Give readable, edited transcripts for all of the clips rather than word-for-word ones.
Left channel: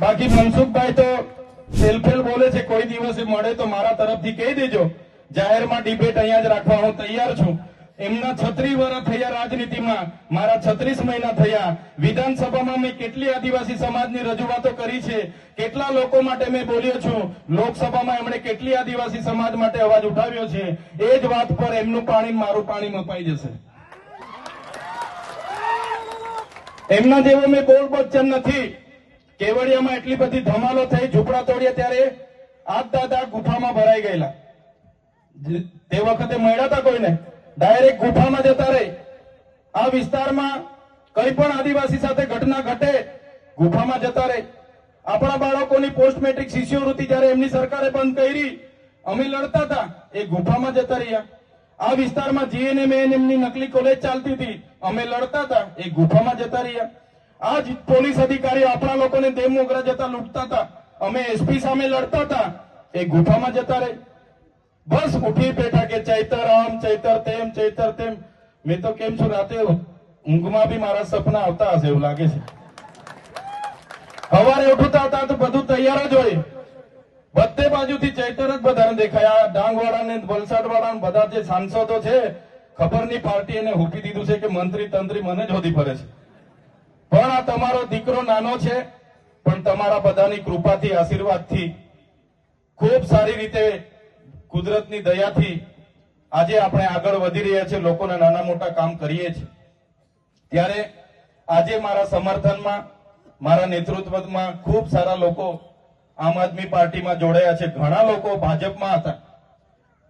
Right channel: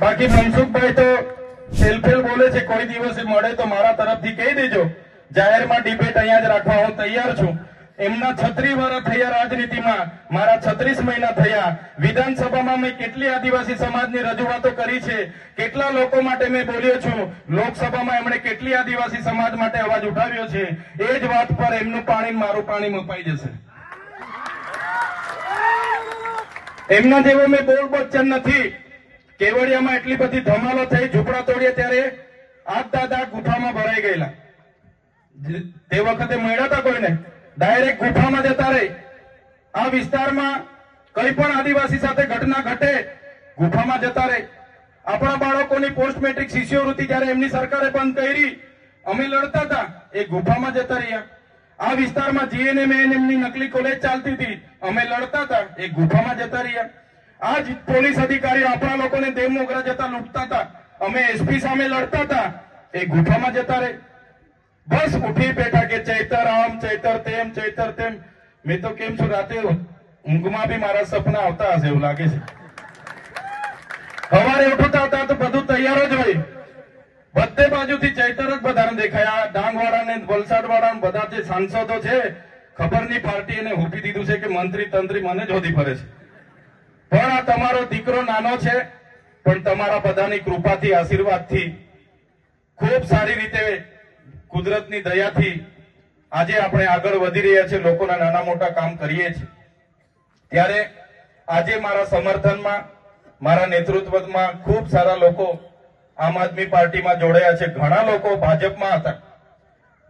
બાકી મનસુખભાઈ તો સેલ્ફેલ બોલે છે, કોઈ દિવસે મળે તો મારા તરફથી કહી દેજો, જાહેરમાં ડિબેટ અહીંયા જ રાખવા હું તૈયાર છું. એમના 36 વર્ષ થયા રાજનીતિમાં, મારા 36 મહિના થયા. વિધાનસભામાં મેં કેટલી આદિવાસી સમાજની રજૂઆતો કરી છે, કેટલા લોકો માટે મેં બોલ્યો છું. લોકસભામાં એમણે કેટલી આદિવાસી સમાજ માટે અવાજ ઉઠાવ્યો છે. એ જ વાત પર એમનું પાણી મારું પાણી મપાઈ જશે. એમના જેવો મેં બોલ બચ્ચન નથી. કેવડિયામાં એટલી બધી ધમાલો થઈ, ઝૂંપડા તોડ્યા ત્યારે આજ દાદા ગુફામાં ભરાઈ ગયેલા. તે વખતે મળ્યા હતા કોઈને? ડાયરેક્ટ ગુફામાં જતા રહી. આ વિસ્તારમાં કઈ પણ આદિવાસી સાથે ઘટના ઘટે, ગુફામાં જતા રહી. આપણા બાળકોની પોસ્ટ મેટ્રિક શિષ્યવૃત્તિ જયારે એમની સરકારે બંધ કરી, અમે લડતા હતા, એ ગુફામાં જતા રહ્યા. આ વિસ્તારમાં જીએનએમ એમની નકલી કોલેજ ચાલતી હતી, અમે લડતા હતા, એ ગુફામાં જતા રહ્યા. આ જ પોલીસ અધિકારીઓ આપણા લોકોને દેવ મોગરા જતા લૂંટતા હતા, અમે એસપી સામે લડતા હતા, એ ગુફામાં જતા રહે. બસ ઉઠી બેઠા કે ચૈતર આમ, ચૈતર તેમ, ચૈતર તેમ. મેં તો કેમ છું, રાતે ઊંઘમાં બી મારા સપના આવતા હશે એવું લાગે છે. સવારે ઉઠતા હતા તો બધું તૈયાર જ હોય, બધે બાજુથી ચૈતર જ બધાને દેખાયા. ડાંગવાળા ને વલસાડવાળા બધા જે સાંસદો છે, ખબર નહીં પાર્ટી એને હૂપી દીધું છે કે મંત્રી તંત્રી મને જ હોદી ફરે છે. પણ આ તમારો દીકરો નાનો છે, પણ તમારા બધાની કૃપાથી, આશીર્વાદથી, ખૂબ સારી રીતે કુદરતની દયાથી આજે આપણે આગળ વધી રહ્યા છીએ, લોકોના નાના મોટા કામ કરીએ છીએ. ત્યારે આજે મારા સમર્થનમાં, મારા નેતૃત્વમાં ખૂબ સારા લોકો આમ આદમી પાર્ટીમાં જોડાયા છે. ઘણા લોકો ભાજપમાં હતા,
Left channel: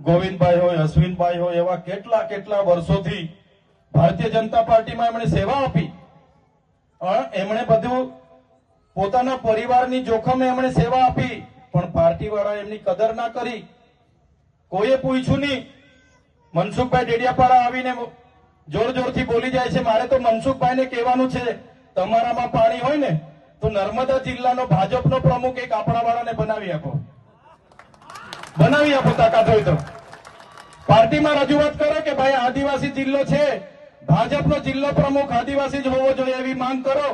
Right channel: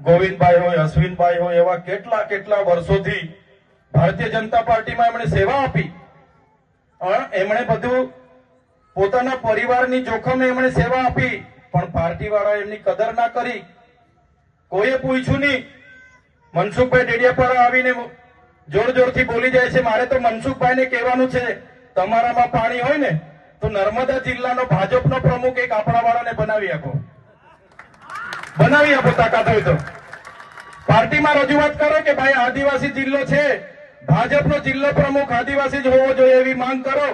ગોવિંદભાઈ હોય, અશ્વિનભાઈ હોય, એવા કેટલા કેટલા વર્ષોથી ભારતીય જનતા પાર્ટીમાં એમણે સેવા આપી. એમણે બધું પોતાના પરિવારની જોખમે એમણે સેવા આપી, પણ પાર્ટીવાળા એમની કદર ના કરી. કોઈએ પૂછ્યું નહીં. મનસુખભાઈ ડેડિયાપાડા આવીને જોર જોરથી બોલી જાય છે. મારે તો મનસુખભાઈને કહેવાનું છે, તમારામાં પાણી હોય ને તો નર્મદા જિલ્લાનો ભાજપનો પ્રમુખ એક આપણાવાળાને બનાવી આપો, બનાવી આપો, તાકાત હોય તો. પાર્ટીમાં રજૂઆત કરો કે ભાઈ આદિવાસી જિલ્લો છે, ભાજપનો જિલ્લો પ્રમુખ આદિવાસી જ હોવો જોઈએ, એવી માંગ કરો.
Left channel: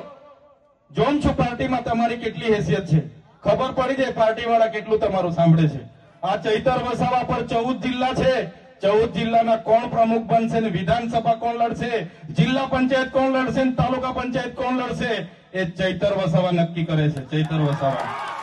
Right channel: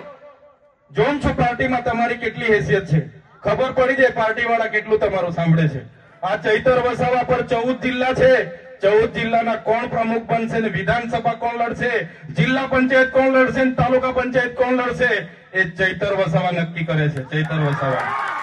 જોઉં છું પાર્ટીમાં તમારી કેટલી હેસિયત છે, ખબર પડી જાય પાર્ટીવાળા કેટલું તમારું સાંભળે છે. આ ચૈતર વસાવા પર 14 જિલ્લા છે, 14 જિલ્લાના કોણ પ્રમુખ બનશે ને વિધાનસભા કોણ લડશે, જિલ્લા પંચાયત કોણ લડશે ને તાલુકા પંચાયત કોણ લડશે, એ ચૈતર વસાવા નક્કી કરે છે. ચૈતર વસાવા